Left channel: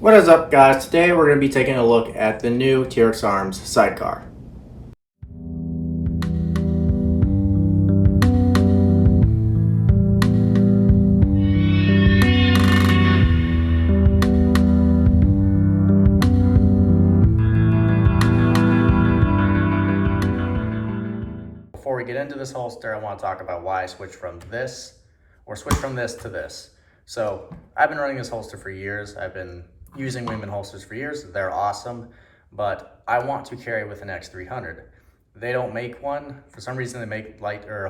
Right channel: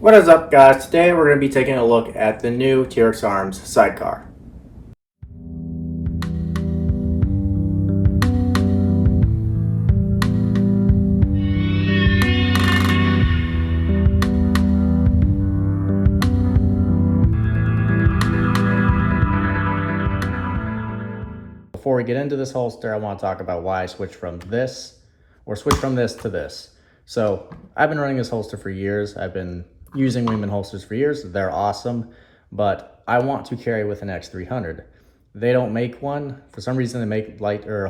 What is up, guys? Today we're going to be taking a look at the new TrexArms Sidecar. Before we get into this holster, I want to talk about why I switched from this to this. So I've been running this holster for years. I've been using Wingman holsters for years. They're awesome, but I want to carry with an X300. They don't make one. For some reason, they make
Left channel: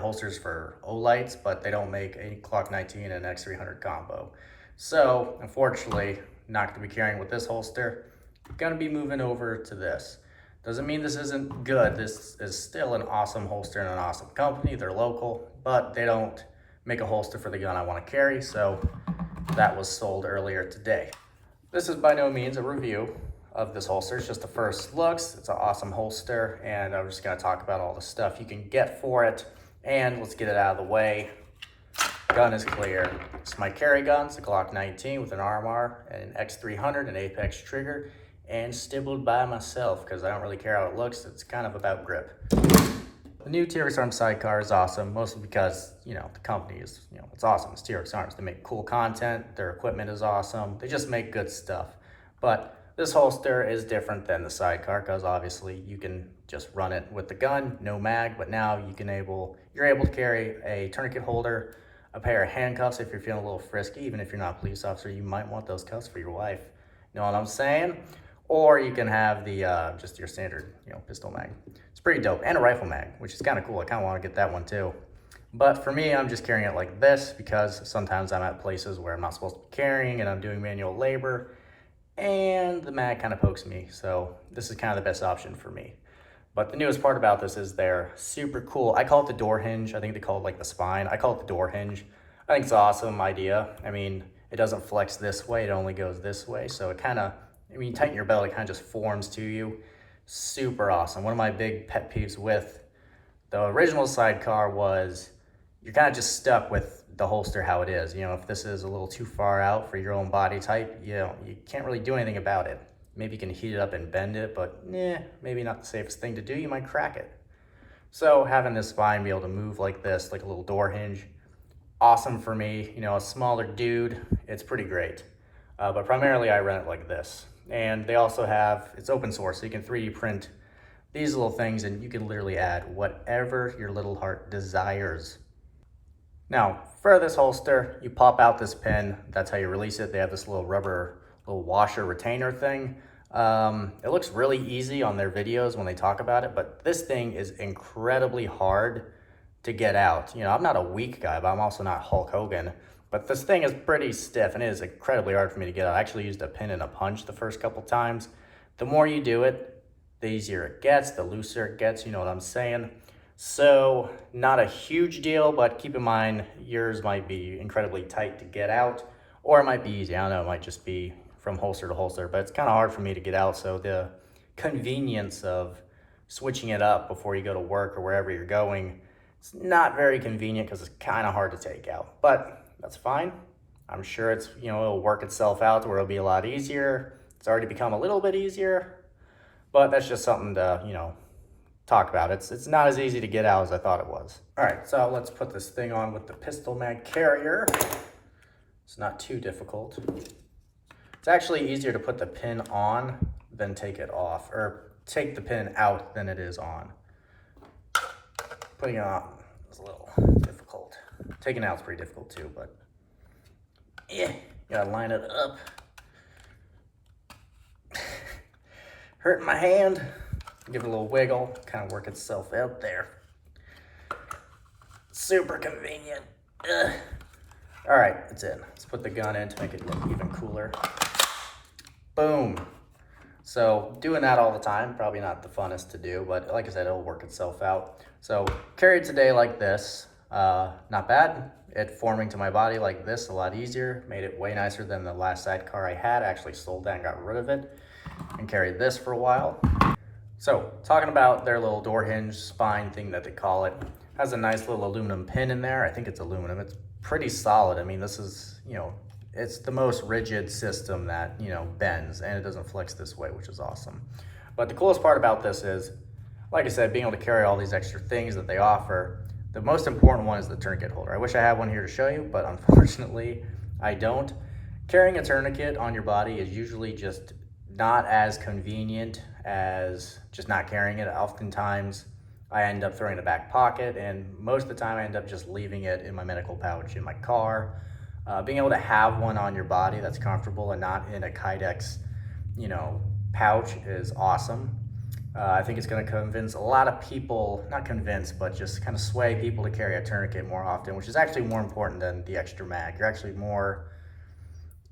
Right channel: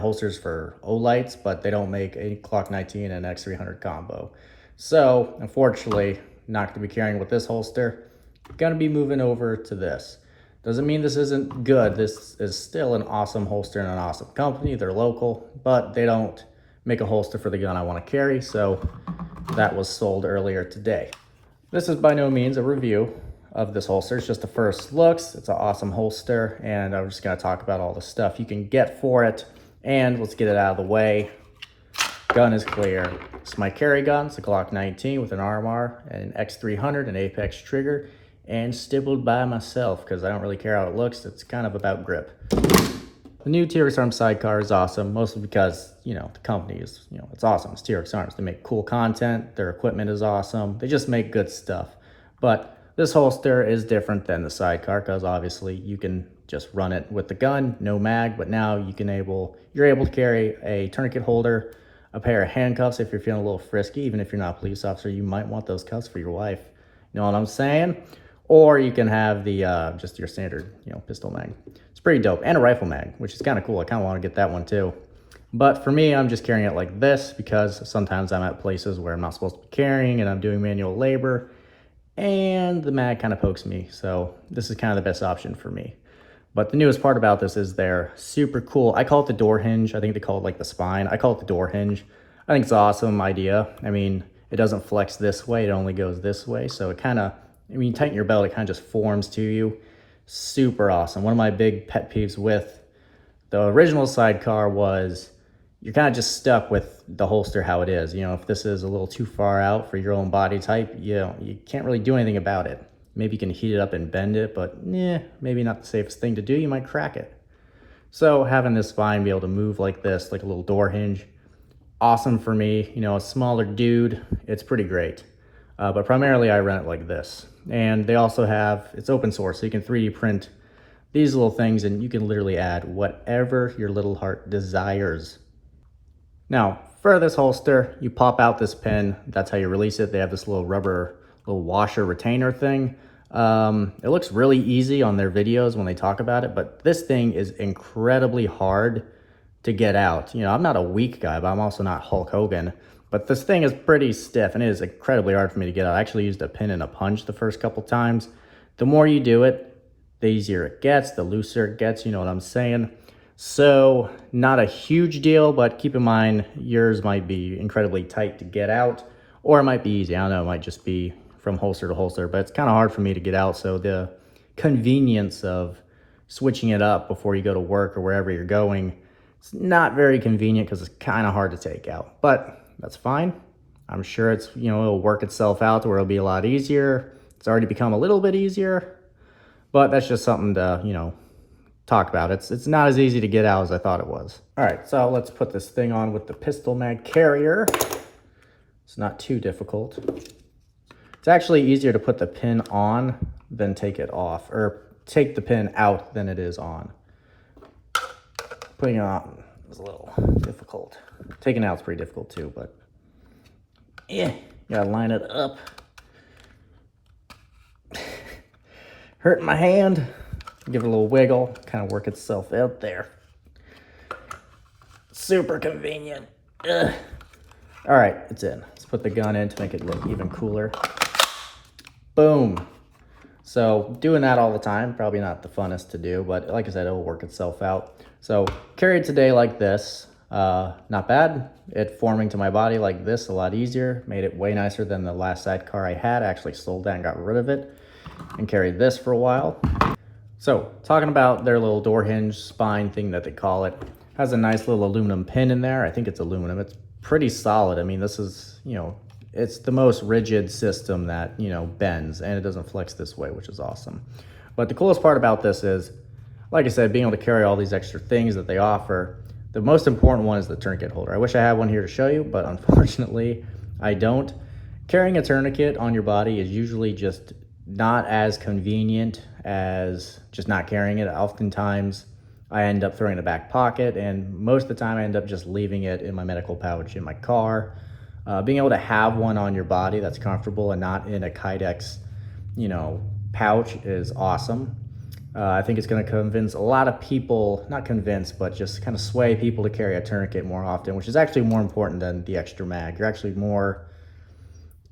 holsters for Olights, but they don't make a Glock 19 and an X300 combo. So unfortunately, not going to be carrying with this holster. Going to be moving over to this. Doesn't mean this isn't good. This is still an awesome holster and an awesome company. They're local, but they don't make a holster for the gun I want to carry, so that was sold earlier today. This is by no means a review of this holster. It's just the first looks. It's an awesome holster, and I'm just going to talk about all the stuff you can get for it. And let's get it out of the way. Gun is clear. It's my carry gun. It's a Glock 19 with an RMR, an X300, an Apex trigger, and stippled by myself because I don't really care how it looks. It's kind of about grip. The new TrexArms Sidecar is awesome, mostly because, the company is, it's awesome. It's TrexArms. They make cool content. Their equipment is awesome. They just make good stuff. But this holster is different than the Sidecar because obviously you can just run it with the gun, no mag, but now you're able to carry a tourniquet holder, a pair of handcuffs if you're feeling a little frisky. Even if you're not a police officer, you might want those cuffs for your wife. You know what I'm saying? Or you can have the just your standard, pistol mag. It's pretty dope. And a rifle mag, which is kind of cool. I kind of want to get that one too. But for me, I'm just carrying it like this because sometimes I'm at places where I'm not supposed to be carrying and I'm doing manual labor and the mag kind of pokes me. So this is kind of the best option for me. But the newest part about this is they're super cool. I call it the door hinge. I think they call it like the spine. I call it the door hinge. I think it's an awesome idea. I mean, it doesn't flex this way. It only goes this way. So it kind of, when you tighten your belt, it kind of just forms to you. Super awesome. One of my big pet peeves with the original Sidecar was you're kind of just stuck with the holster how it is. If this is a little too far out for your own body type, you can't really do anything about it. Maybe you can heat it up and bend it, but maybe not the safest thing to do. You might crack it. So having this spine be able to move like this, like a little door hinge, awesome for me. A smaller dude, it's pretty great. But primarily I run it like this. And they also have, it's open source, so you can 3D print these little things and you can literally add whatever your little heart desires. Now, for this holster, you pop out this pin. That's how you release it. They have this little rubber, little washer retainer thing. It looks really easy on their videos when they talk about it, but this thing is incredibly hard to get out. I'm not a weak guy, but I'm also not Hulk Hogan. But this thing is pretty stiff and it is incredibly hard for me to get out. I actually used a pin and a punch the first couple times. The more you do it, the easier it gets, the looser it gets, you know what I'm saying? So not a huge deal, but keep in mind yours might be incredibly tight to get out, or it might be easy. I don't know, it might just be from holster to holster, but it's kind of hard for me to get out. So the convenience of switching it up before you go to work or wherever you're going, it's not very convenient because it's kind of hard to take out, but that's fine. I'm sure it's, it'll work itself out to where it'll be a lot easier. It's already become a little bit easier, but that's just something to, talk about. It's not as easy to get out as I thought it was. All right, so let's put this thing on with the pistol mag carrier. It's not too difficult. It's actually easier to put the pin on than take it off, or take the pin out than it is on. Putting it on is a little difficult. Taking it out is pretty difficult too, but you gotta line it up. Hurting my hand. Give it a little wiggle, kind of work itself out there. Super convenient. Ugh. All right, it's in. Let's put the gun in to make it look even cooler. Boom. So doing that all the time, probably not the funnest to do, but like I said, it will work itself out. So carried today like this, not bad. It forming to my body like this, a lot easier. Made it way nicer than the last Sidecar I had. I actually sold that and got rid of it and carried this for a while. So talking about their little door hinge spine thing that they call it, has a nice little aluminum pin in there. I think it's aluminum. It's pretty solid. I mean, this is, it's the most rigid system that, you know, bends, and it doesn't flex this way, which is awesome. But the coolest part about this is, like I said, being able to carry all these extra things that they offer. The most important one is the tourniquet holder. I wish I had one here to show you, but unfortunately I don't. Carrying a tourniquet on your body is usually just not as convenient as just not carrying it. Oftentimes I end up throwing it in a back pocket, and most of the time I end up just leaving it in my medical pouch in my car. Being able to have one on your body that's comfortable and not in a Kydex, you know, pouch is awesome. I think it's going to convince a lot of people, not convince, but just kind of sway people to carry a tourniquet more often, which is actually more important than the extra mag.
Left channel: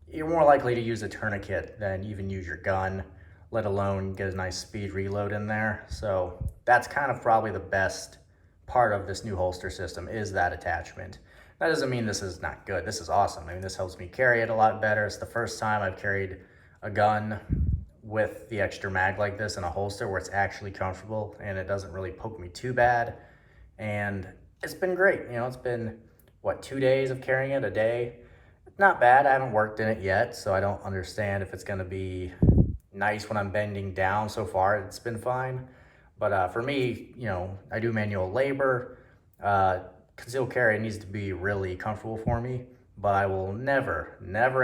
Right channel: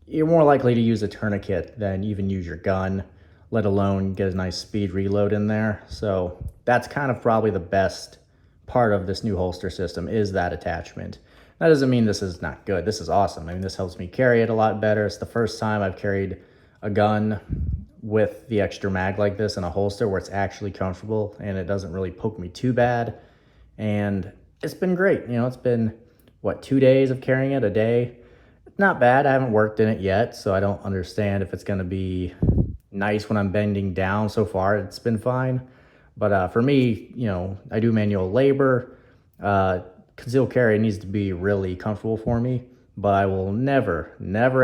You're more likely to use a tourniquet than even use your gun, let alone get a nice speed reload in there. So that's kind of probably the best part of this new holster system, is that attachment. That doesn't mean this is not good. This is awesome. I mean, this helps me carry it a lot better. It's the first time I've carried a gun with the extra mag like this in a holster where it's actually comfortable and it doesn't really poke me too bad. And it's been great. You know, it's been, what, 2 days of carrying it a day? Not bad. I haven't worked in it yet, so I don't understand if it's going to be nice when I'm bending down. So far, it's been fine. But for me, you know, I do manual labor. Concealed carry needs to be really comfortable for me, but I will never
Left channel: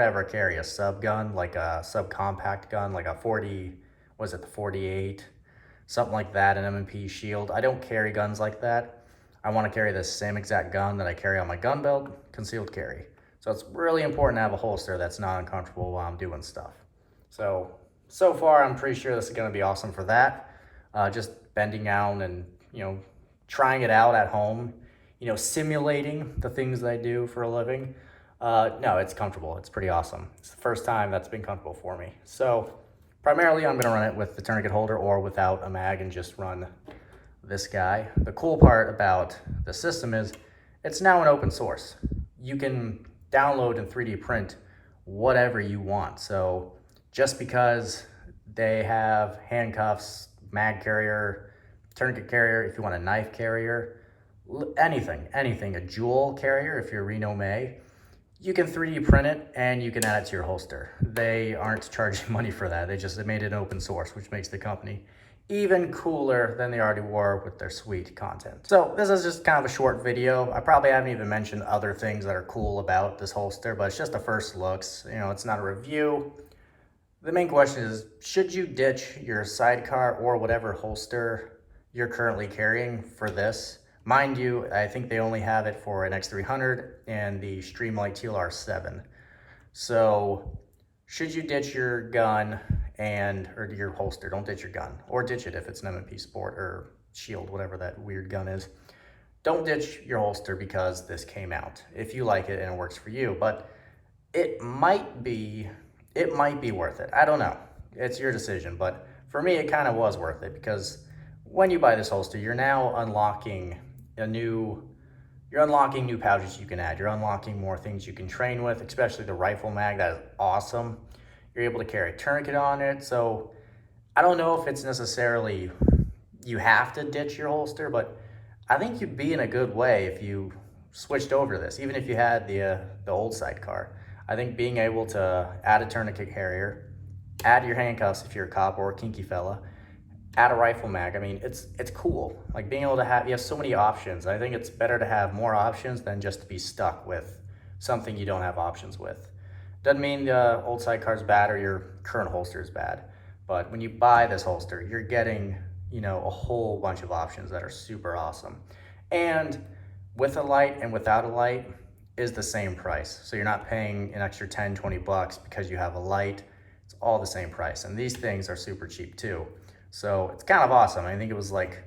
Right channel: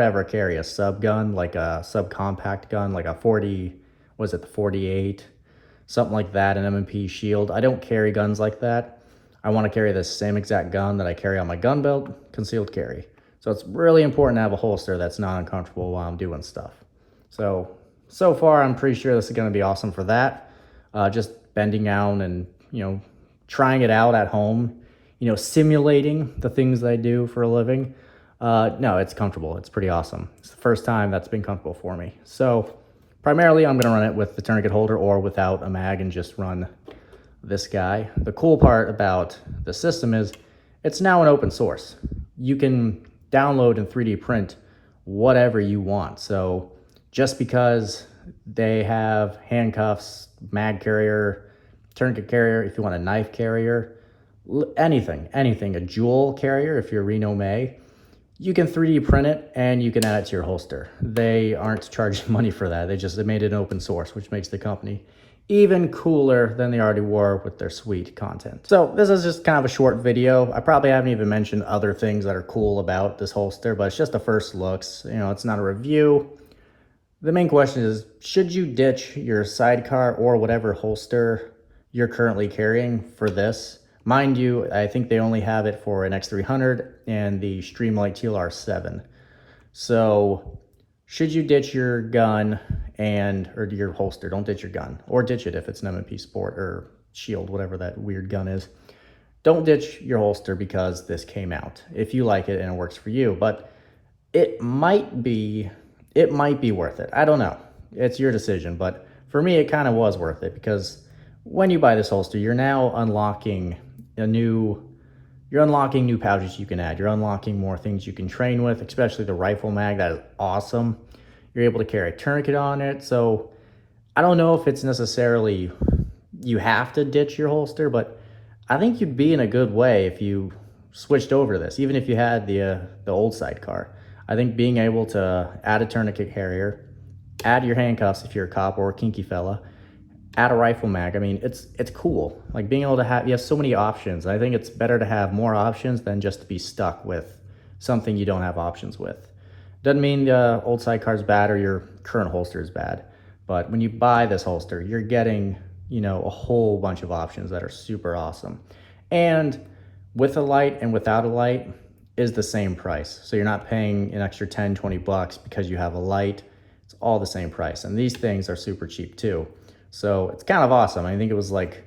ever carry a sub gun, like a subcompact gun, like a 40, was it the 48, something like that, an M&P Shield. I don't carry guns like that. I want to carry the same exact gun that I carry on my gun belt, concealed carry. So it's really important to have a holster that's not uncomfortable while I'm doing stuff. So far, I'm pretty sure this is going to be awesome for that. Just bending down and, you know, trying it out at home, you know, simulating the things that I do for a living. No, it's comfortable. It's pretty awesome. It's the first time that's been comfortable for me. So primarily I'm going to run it with the tourniquet holder or without a mag and just run this guy. The cool part about the system is it's now an open source. You can download and 3D print whatever you want. So just because they have handcuffs, mag carrier, tourniquet carrier, if you want a knife carrier, anything, a jewel carrier, if you're Reno May, you can 3D print it and you can add it to your holster. They aren't charging money for that. They made it open source, which makes the company even cooler than they already were with their sweet content. So this is just kind of a short video. I probably haven't even mentioned other things that are cool about this holster, but it's just the first looks. You know, it's not a review. The main question is, should you ditch your Sidecar or whatever holster you're currently carrying for this? Mind you, I think they only have it for an X300 and the Streamlight TLR7. So should you ditch your gun or your holster? Don't ditch your gun, or ditch it if it's an M&P Sport or Shield, whatever that weird gun is. Don't ditch your holster because this came out, if you like it and it works for you. But it might be worth it. I don't know. It's your decision. But for me, it kind of was worth it, because when you buy this holster, you're now unlocking new pouches you can add. You're unlocking more things you can train with, especially the rifle mag. That is awesome. You're able to carry a tourniquet on it. So I don't know if it's necessarily you have to ditch your holster, but I think you'd be in a good way if you switched over to this, even if you had the old Sidecar. I think being able to add a tourniquet carrier, add your handcuffs if you're a cop or a kinky fella, add a rifle mag. I mean, it's cool. Like being able to you have so many options. I think it's better to have more options than just to be stuck with something you don't have options with. Doesn't mean the old Sidecar is bad or your current holster is bad, but when you buy this holster, you're getting, you know, a whole bunch of options that are super awesome. And with a light and without a light is the same price. So you're not paying an extra 10, 20 bucks because you have a light. It's all the same price. And these things are super cheap too. So it's kind of awesome. I think it was like,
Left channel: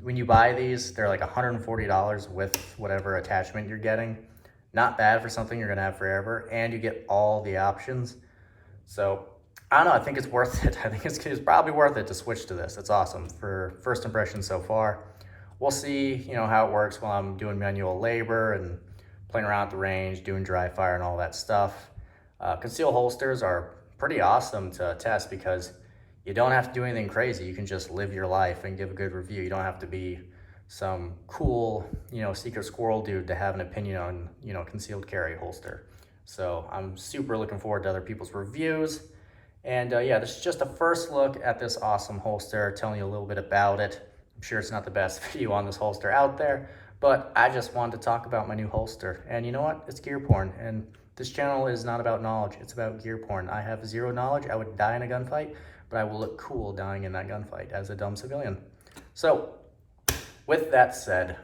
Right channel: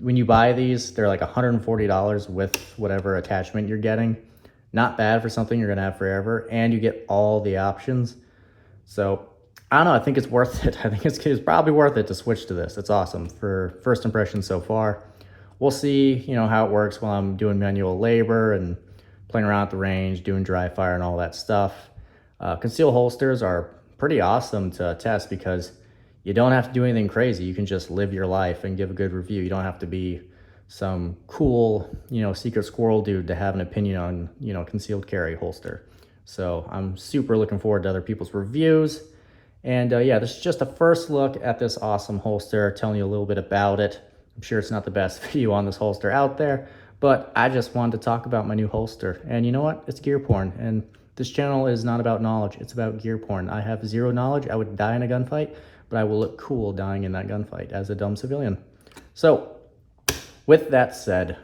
when you buy these, they're like $140 with whatever attachment you're getting. Not bad for something you're gonna have forever, and you get all the options. So I don't know, I think it's worth it. I think it's probably worth it to switch to this. It's awesome for first impression so far. We'll see, you know, how it works while I'm doing manual labor and playing around at the range, doing dry fire and all that stuff. Concealed holsters are pretty awesome to test because you don't have to do anything crazy. You can just live your life and give a good review. You don't have to be some cool, you know, secret squirrel dude to have an opinion on, you know, concealed carry holster. So I'm super looking forward to other people's reviews. And yeah, this is just a first look at this awesome holster, telling you a little bit about it. I'm sure it's not the best video on this holster out there, but I just wanted to talk about my new holster. And you know what? It's gear porn. And this channel is not about knowledge, it's about gear porn. I have zero knowledge. I would die in a gunfight, but I will look cool dying in that gunfight as a dumb civilian. So, with that said,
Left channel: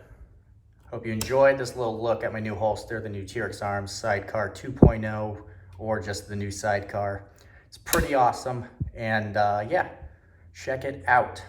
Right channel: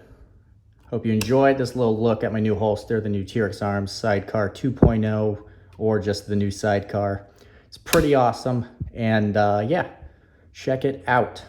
hope you enjoyed this little look at my new holster, the new TrexArms Sidecar 2.0, or just the new Sidecar. It's pretty awesome, and yeah, check it out.